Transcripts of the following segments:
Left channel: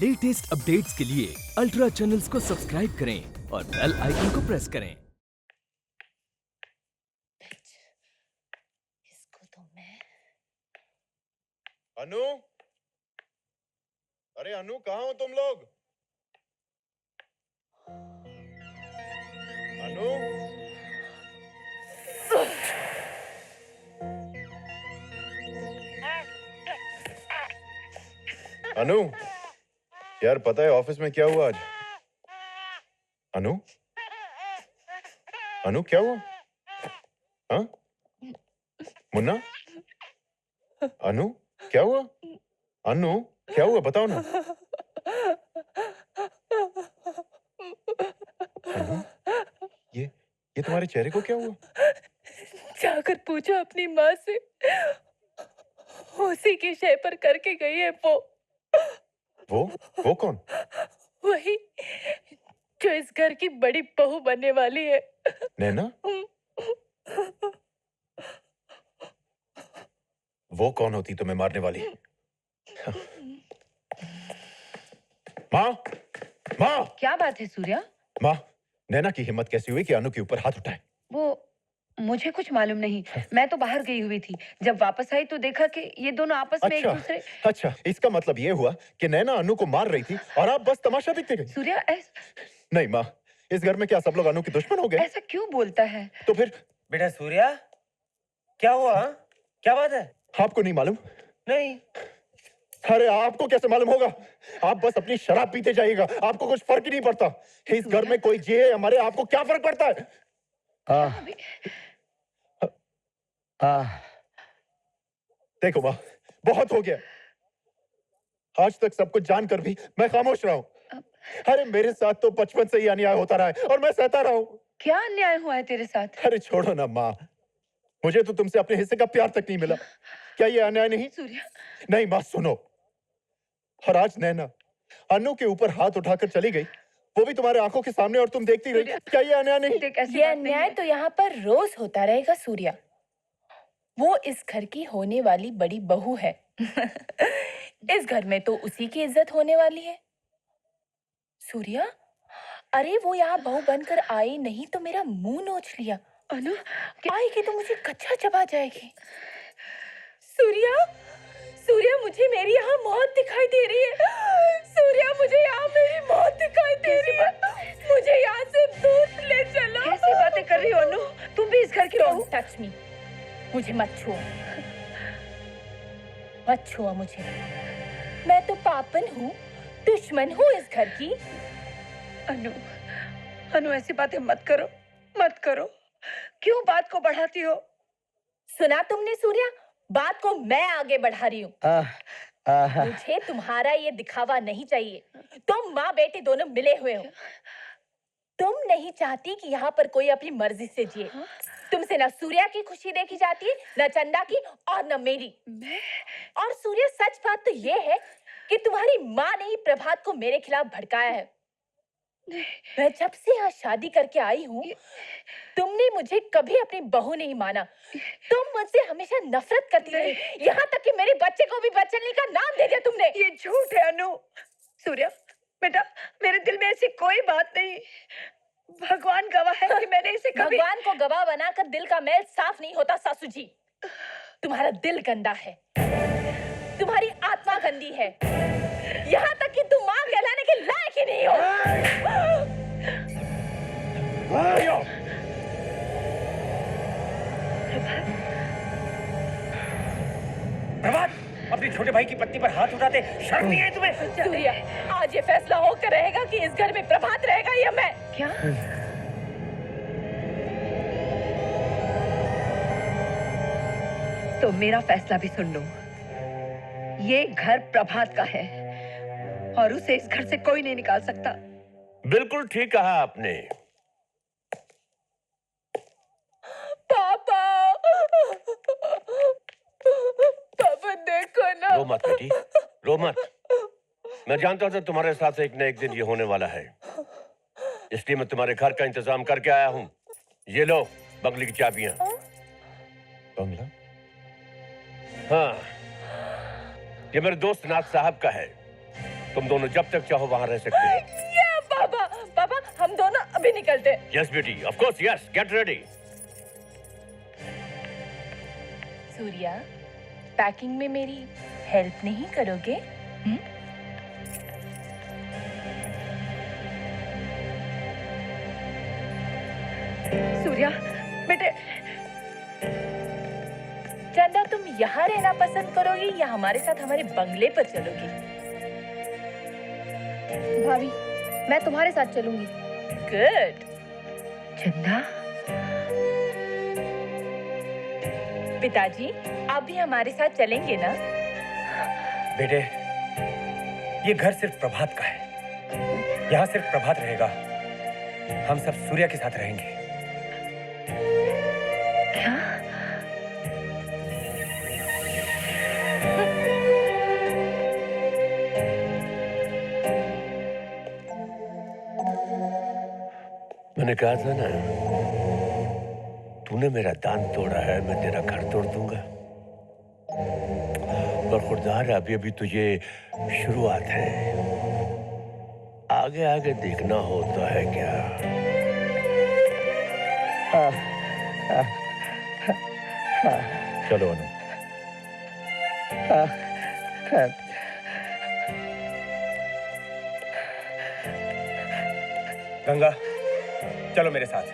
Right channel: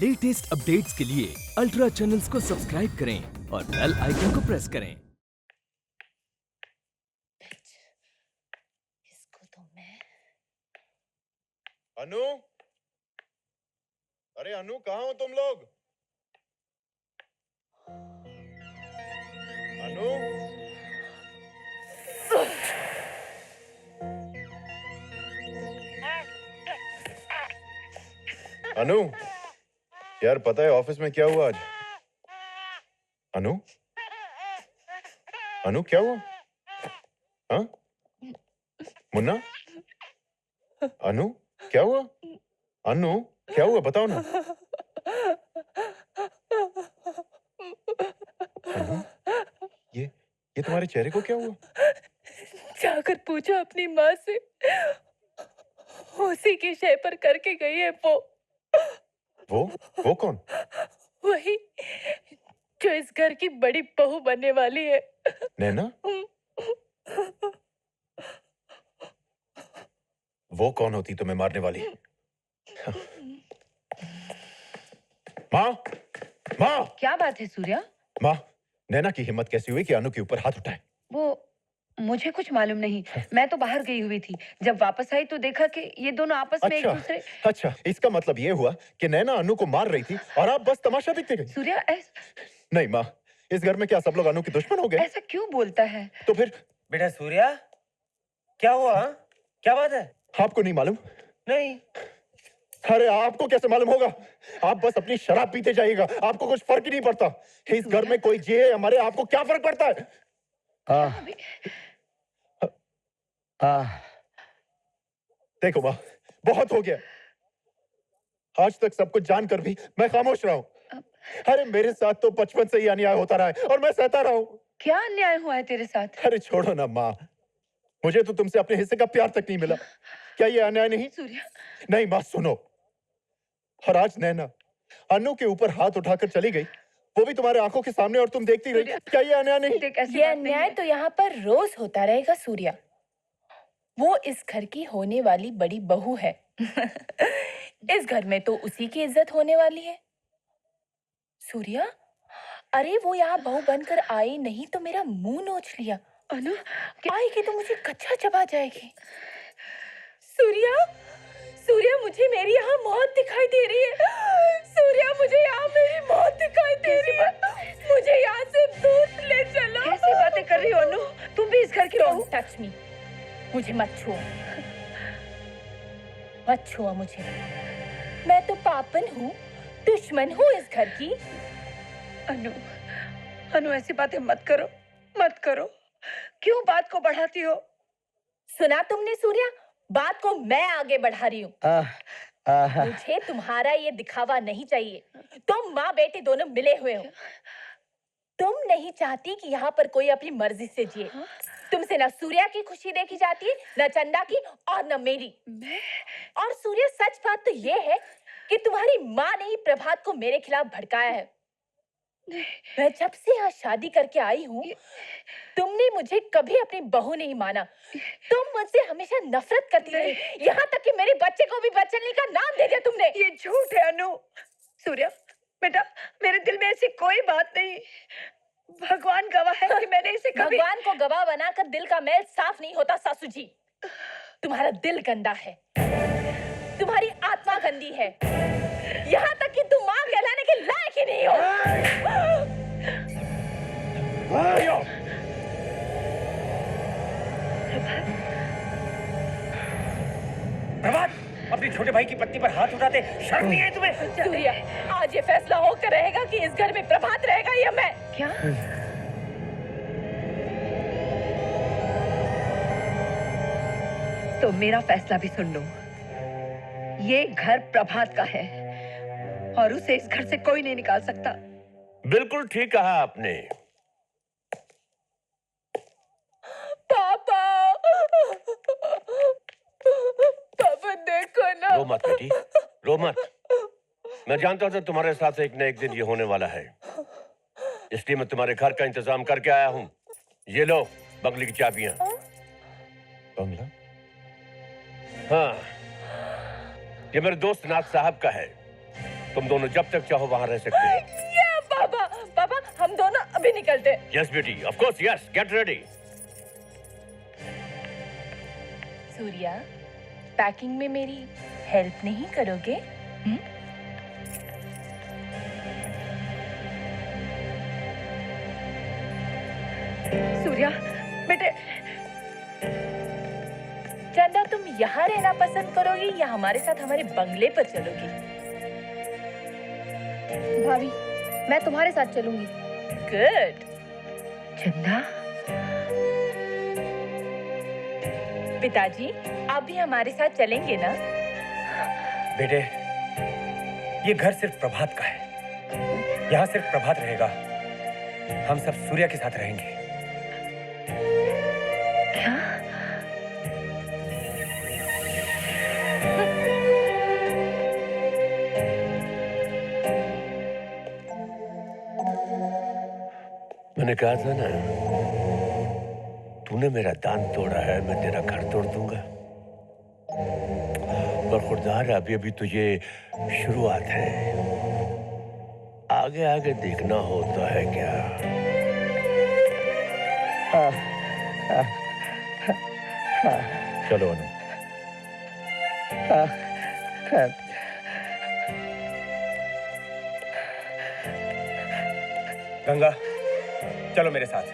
Latest updates के लिए ultra channels को सब्सक्राइब करें और बेल आइकन को प्रेस करें। इसको तो मैं अनु, अरे अनु, कहाँ हो तुम लोग? अनु, अनु, यार पता है ऑफिस में क्या हुआ आज? अनु, अनु क्या हुआ? हाँ? मुन्ना? अनु, क्या हुआ? अनु, क्या हुआ? बताओ ना। अनु, ये तुम्हारे चेहरे को क्या हुआ? जाकर पूछो अपनी माँ से, उसी की शय पर करके गई है वो कौन? वही जो इस घर की बड़ी बहू बनने वाली है। नैना? वो कौन होती तुम्हें मारने वाली? माँ, माँ, क्या बात है सूर्या? माँ, नैना की हिम्मत कैसी हुई कि अनु के ऊपर हाथ उठाए? वो मुझे कुछ मालूम नहीं, मैं तो बाहर गई हुई थी। जब वापस आई तो देखा कि ये दोनों आपस में एक दूसरे। अच्छा, इसका मतलब ये हुआ कि नैना अनु को मार रही थी और आप बस तमाशा देखते गए। सूर्या नहीं माँ, इस घर में क्या सब लोग अनु के दुश्मन हो गए? ऐसा क्यों बोलता है? तो फिर बेटा सूर्या, क्या हुआ? क्या बात है? आपको नहीं मालूम? नहीं। अरे आपको कैसे मालूम होगा? आप बस अपनी शराब पीते जाइएगा, आपको कुछ फर्क ही नहीं पड़ता। इस घर में कोई जिए या मरे, आपको क्या फर्क पड़ता है? देखो माँ, बहुत हो गया। आज तक सब कुछ जानकर भी मैं खामोश रहा हूँ। अरे मेरे साथ तो बचपन से ही अन्याय होता रहा है और मैं सहता रहा हूँ। क्या अन्याय हुआ है तेरे साथ? अरे छोड़ो ना माँ, मुझे तो तुमसे अपने हिस्से का प्यार तक नहीं मिला। क्या ये अन्याय नहीं? सूर्या, नहीं माँ सुनो, और आज नैना अनु के ऊपर हाथ उठाकर चली गई, वो भी तुम्हारे आंखों के सामने, और तुम देखती रही। क्या ये अन्याय नहीं? ये अन्याय तो यहाँ पर रोज होता रहेगा सूर्या। वो इस घर की होने वाली बड़ी बहू है। इस घर में तो उसी की इज्जत होने वाली है। सूर्या, अरे वो यहाँ बहू बनकर आई नहीं तो मेरा मुंह नोच लिया। अनु, आएगी तो मुझे कच्चा चबा जाएगी। सूर्या, सूर्या, मुझे मेरी यहाँ मौत दिखाई दे रही है। सूर्या, मुझे यहाँ मेरी मौत दिखाई दे रही है। मुझे यहाँ से दूर ले चलो। कैसी बातें कर रही हो अनु? तुम भी इस घर की बहू? टच मी, मुझे मत छुओ, मत छुओ मुझे। मैं तो पापन हूँ, दुश्मन हूँ इस घर की। अनु, अनु ऐसी बातें मत करो, मत करो। क्यों बात को बढ़ाती हो? सुना तुमने सूर्या, बात को मैं आगे बढ़ा रही हूँ। मुझे तुम्हारा ये दिखावा नहीं चाहिए। तुम माँ बेटी दोनों मिले हुए हो। तुम नहीं चाहती कि यहाँ पर कोई अपनी मर्जी से जिए। तुमसे न सूर्या की खुशी देखी जाती है, न चंदा की, और न मेरी। और सूर्या, सच बात तो ये है कि तुम्हारी माँ ने ही प्रभात को मेरे खिलाफ भड़काया है। मैं जब से यहाँ शादी करके आई हूँ, तुमने मुझे कभी अपनी बहू नहीं माना। तुम मुझसे हमेशा नफरत करती रही, यहाँ तक कि मेरे बच्चे को भी बच्चनी का नाम दे दिया तुमने। ये झूठ है अनु। सूर्या बेटा, मेरे दिल में ऐसी कोई बात नहीं। भगवान गवाह है कि मैंने इसे कभी। भगवान को गवाह बनाकर दिल का मैल साफ नहीं होता सासू जी। तुम्हारा दिल गंदा है, तुम्हारी आत्मा गंदी है, यहाँ तक कि तुम मां कहलाने के लायक ही नहीं हो। प्रभात, अपने छोटे भाई की पत्नी पर हाथ उठाते शर्म नहीं है तुम्हें? सूर्या, आज ये फैसला होकर रहेगा कि इस घर में प्रभात रहेगा या मैं। क्या? तो मेरा फैसला भी सुन लो। ये घर प्रभात का है और उसे इस घर से कोई नहीं निकाल सकता। बिल्कुल ठीक कहा आपने। पापा, पापा देखो ना। रो मत बेटी, रो मत। मैं जानता था तुम्हारे साथ एक न एक दिन ये होने वाला है, इसलिए मैं तुम्हारे घर का इंतजाम करके आया हूँ। ये लो बंगले की चाबियां। बंगला? हाँ, ये मेरे दोस्त नाथ साहब का है। तुम दोनों जब तक चाहो वहां रह सकते हो। ये पापा, पापा हम दोनों अभी निकलते हैं। यस बेटी, of course, yes, get ready. Surya, packing में मेरी हेल्प नहीं करोगे? सूर्या बेटे, चंदा तुम यहाँ रहना पसंद करोगी या हमारे साथ हमारे बंगले पर चलोगी? भाभी, मैं तुम्हारे साथ चलूंगी। गुड। चंदा, पिताजी आप भी हमारे साथ चलेंगे ना? बेटे, ये घर सिर्फ प्रभात का है। यहाँ सिर्फ प्रभात रहेगा। हम सब सूर्या के साथ रहेंगे। मैंने कहा था ना, तूने मेरा दांत तोड़ा है, मैं तेरा घर तोड़ दूंगा। पर खुददार, अभी अभी तो ये शुरुआत है, आगे आगे देखना होता है क्या। चलो अनु। गंगा, चलो मेरे साथ।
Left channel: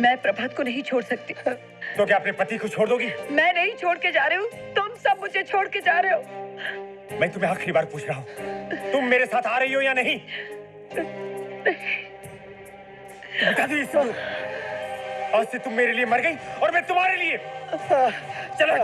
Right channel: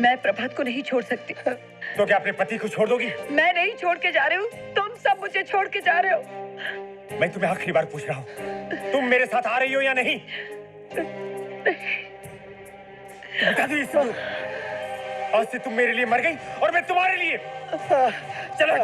मैं प्रभात को नहीं छोड़ सकती। तो क्या अपने पति को छोड़ दोगी? मैं नहीं छोड़ के जा रही हूँ, तुम सब मुझे छोड़ के जा रहे हो। मैं तुम्हें आखिरी बार पूछ रहा हूँ, तुम मेरे साथ आ रही हो या नहीं? बता दी इसको। आज से तुम मेरे लिए मर गई और मैं तुम्हारे लिए। चलो।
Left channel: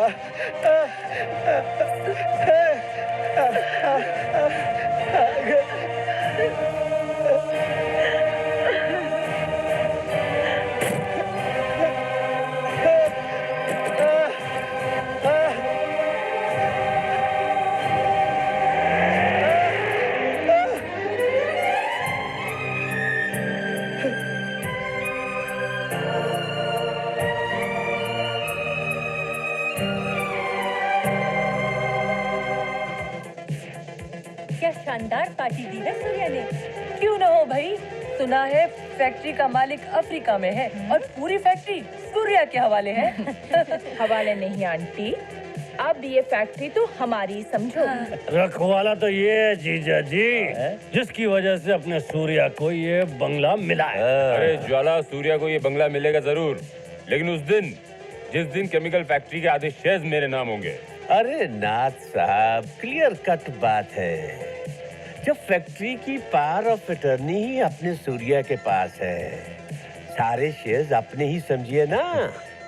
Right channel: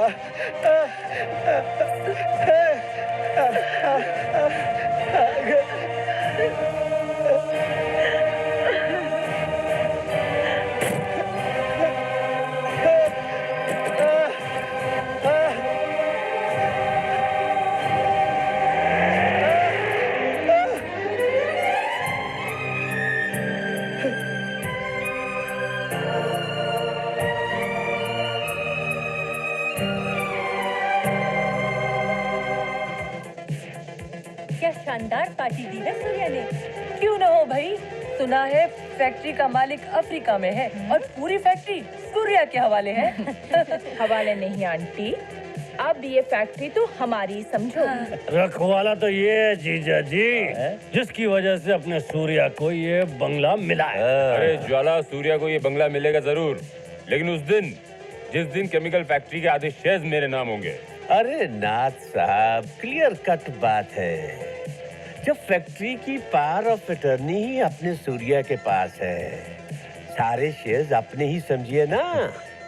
क्या शानदार पार्टी दी है सूर्या ने। क्यों ना हो भाई, सुना है फैक्ट्री का मालिक अफ्रीका में है और पूरी फैक्ट्री सूर्या के हवाले है। हवाले नहीं आंटी, अब ये फैक्ट्री तो हमारी समझो। रखवाला तो ये है जीजा जी, जिसकी वजह से अपने सूर्या को ये बंगला मिला है। अरे ज्वाला, सूर्या को ये बंगला मिलेगा जरूर, लेकिन उस दिन जिस दिन केमिकल फैक्ट्री के आधे शेयर्स मेरे नाम होंगे। अरे नाथ साहब, क्लियर कट बात है। जब फैक्ट्री की पावर ऑफ अटर्नी ही अपने सूर्या के पास है, सारे शेयर्स अपने ही समझिए ना।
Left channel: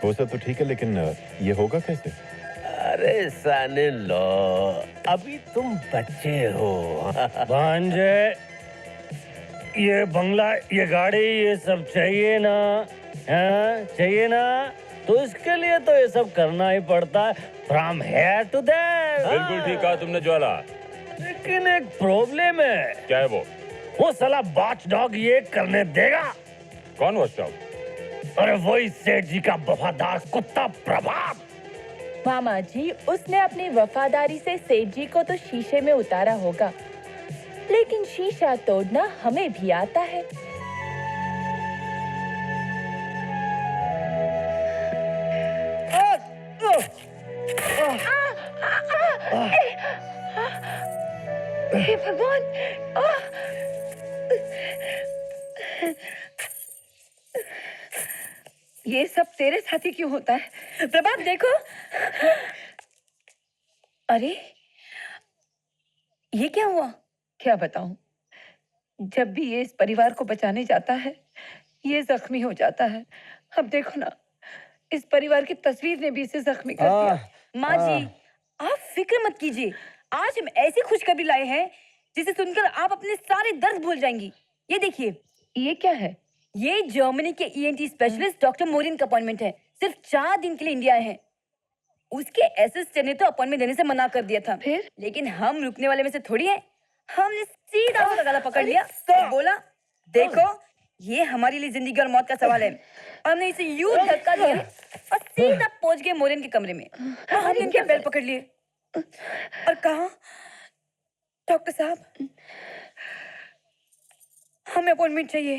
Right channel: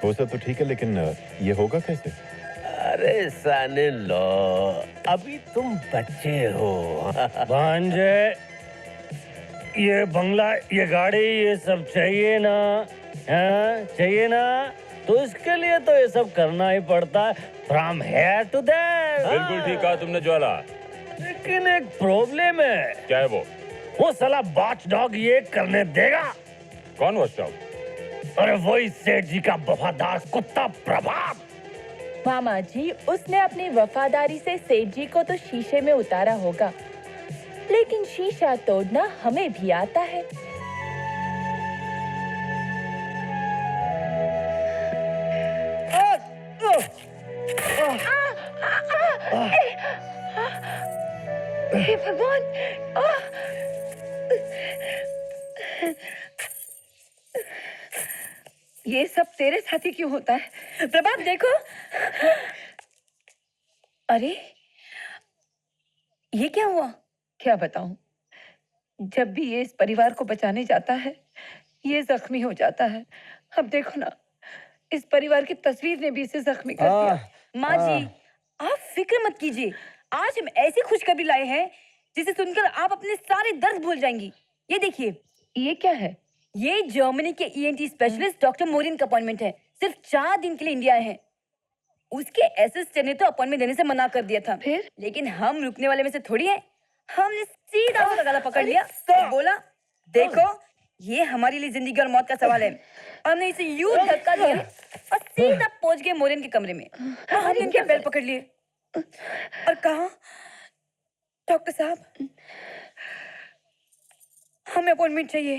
वो सब तो ठीक है, लेकिन ये होगा कैसे? अरे साने लो, अभी तुम बच्चे हो। भांजे, ये बंगला, ये गाड़ी, ये सब चाहिए ना? हाँ, चाहिए ना? तो इसके लिए तो ये सब करना ही पड़ता है, फ्रॉम हेयर टू देयर। बिल्कुल ठीक कहा तुमने ज्वाला, लेकिन एक प्रॉब्लम है। क्या है वो साला वॉच डॉग ये करने देगा? कौन वॉचडॉग? अरे वही सेठ जी का वफादार कुत्ता प्रभात। मामा जी, उसने अपनी वफादारी से सेठ जी को तो शीशे में उतारा होगा, लेकिन शीशा तोड़ना हमें भी आता है। हे भगवान! ये सब तेरे साथ ही क्यों होता है? प्रभात देखो। अरे ये क्या हुआ? क्या बताऊं? जब भी ये इस परिवार को बचाने जाता है, ये जख्मी हो जाता है। अब देखो ना, इस परिवार की तस्वीर ने भी इसे जख्मी कर दिया। माँ जी, आप फिक्र मत कीजिए। आज हम ऐसी खुशखबरी लाए हैं जिसे सुनकर आप अपने सारे दर्द भूल जाएंगी। ये देखिए, ये क्या है? ये जर्मनी के ईएनटी स्पेशलिस्ट डॉक्टर मोरिन का अपॉइंटमेंट है। सिर्फ 4 दिन के लिए इंडिया आए हैं। उसके असिस्टेंट ने तो अपॉइंटमेंट देने से मना कर दिया था, फिर? लेकिन हम रुकने वाले में से थोड़ी है। हमने सीधा उसका गला पकड़ लिया और बोला, देखो ये हमारे लिए जिंदगी और मौत का सवाल है। हमने इसे यूं धक्का दिया और सीधा पहुंच गए मोरिन के कमरे में। हमने इनके पैर पकड़ लिए और कहा, डॉक्टर साहब, हमें अपॉइंटमेंट चाहिए।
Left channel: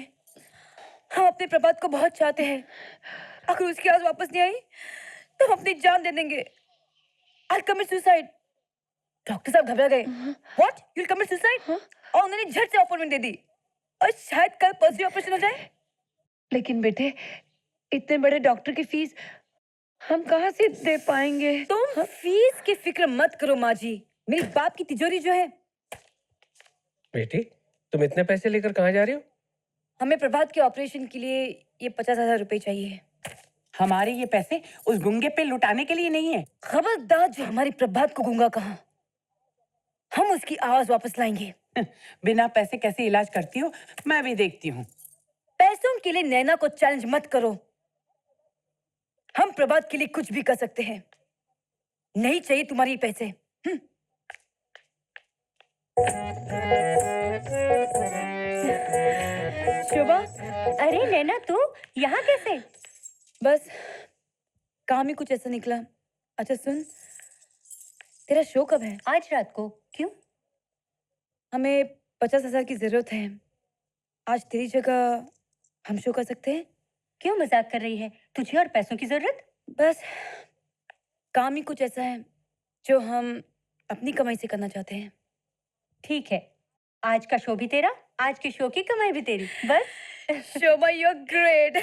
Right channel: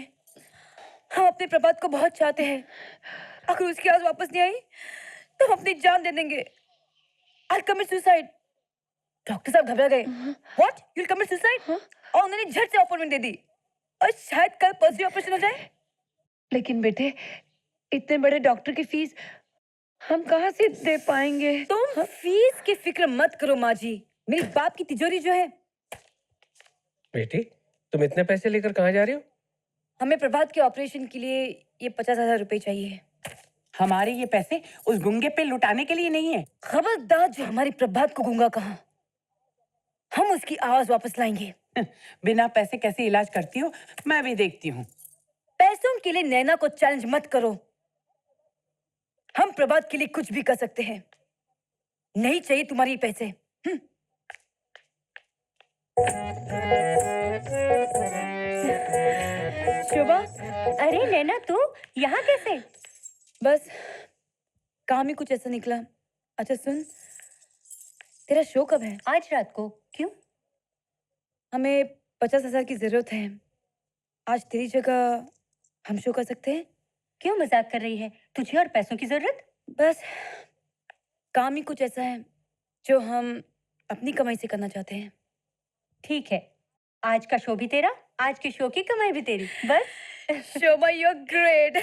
हम अपने प्रभात को बहुत चाहते हैं। अगर उसकी आवाज वापस नहीं आई तो हम अपनी जान दे देंगे। I'll commit suicide। डॉक्टर साहब घबरा गए। What? You'll commit suicide? और उन्होंने झट से अपॉइंटमेंट दे दी और शायद कल परसों ऑपरेशन हो जाए। लेकिन बेटे, इतने बड़े डॉक्टर की फीस हम कहाँ से दे पाएंगे? तुम फीस की फिक्र मत करो माँ जी। मेरी बाप की तिजोरी जो है। बेटी, तुम इतने पैसे लेकर कहाँ जा रही हो? हमें प्रभात के ऑपरेशन के लिए ये 50,000 रुपए चाहिए। हमारे ये पैसे उस गुंगे पे लुटाने के लिए नहीं है। खबरदार जो हमारी प्रभात को गूंगा कहा। हम उसकी आवाज वापस लाएंगे। बिना पैसे कैसे इलाज करती हो, मैं भी देखती हूँ। पैसों के लिए नैना को चैलेंज मत करो। हम प्रभात के लिए कुछ भी कर सकते हैं। नहीं चाहिए तुम्हारी पैसे। शोभा, अरे नैना तू यहाँ कैसे? बस काम ही कुछ ऐसा निकला। अच्छा सुन, तेरा शो कब है? आज रात को। क्यों? हमें 50,000 की जरूरत है। आज तेरी जगह हम शो कर सकते हैं? क्यों मजाक कर रही है? तुझे और पैसों की जरूरत? बस काम ही कुछ ऐसा है जो हम अपनी कमाई से करना चाहते हैं। ठीक है, आज का शो भी तेरा, आज के शो की कमाई भी तेरी। बस शोभा, यू आर ग्रेट।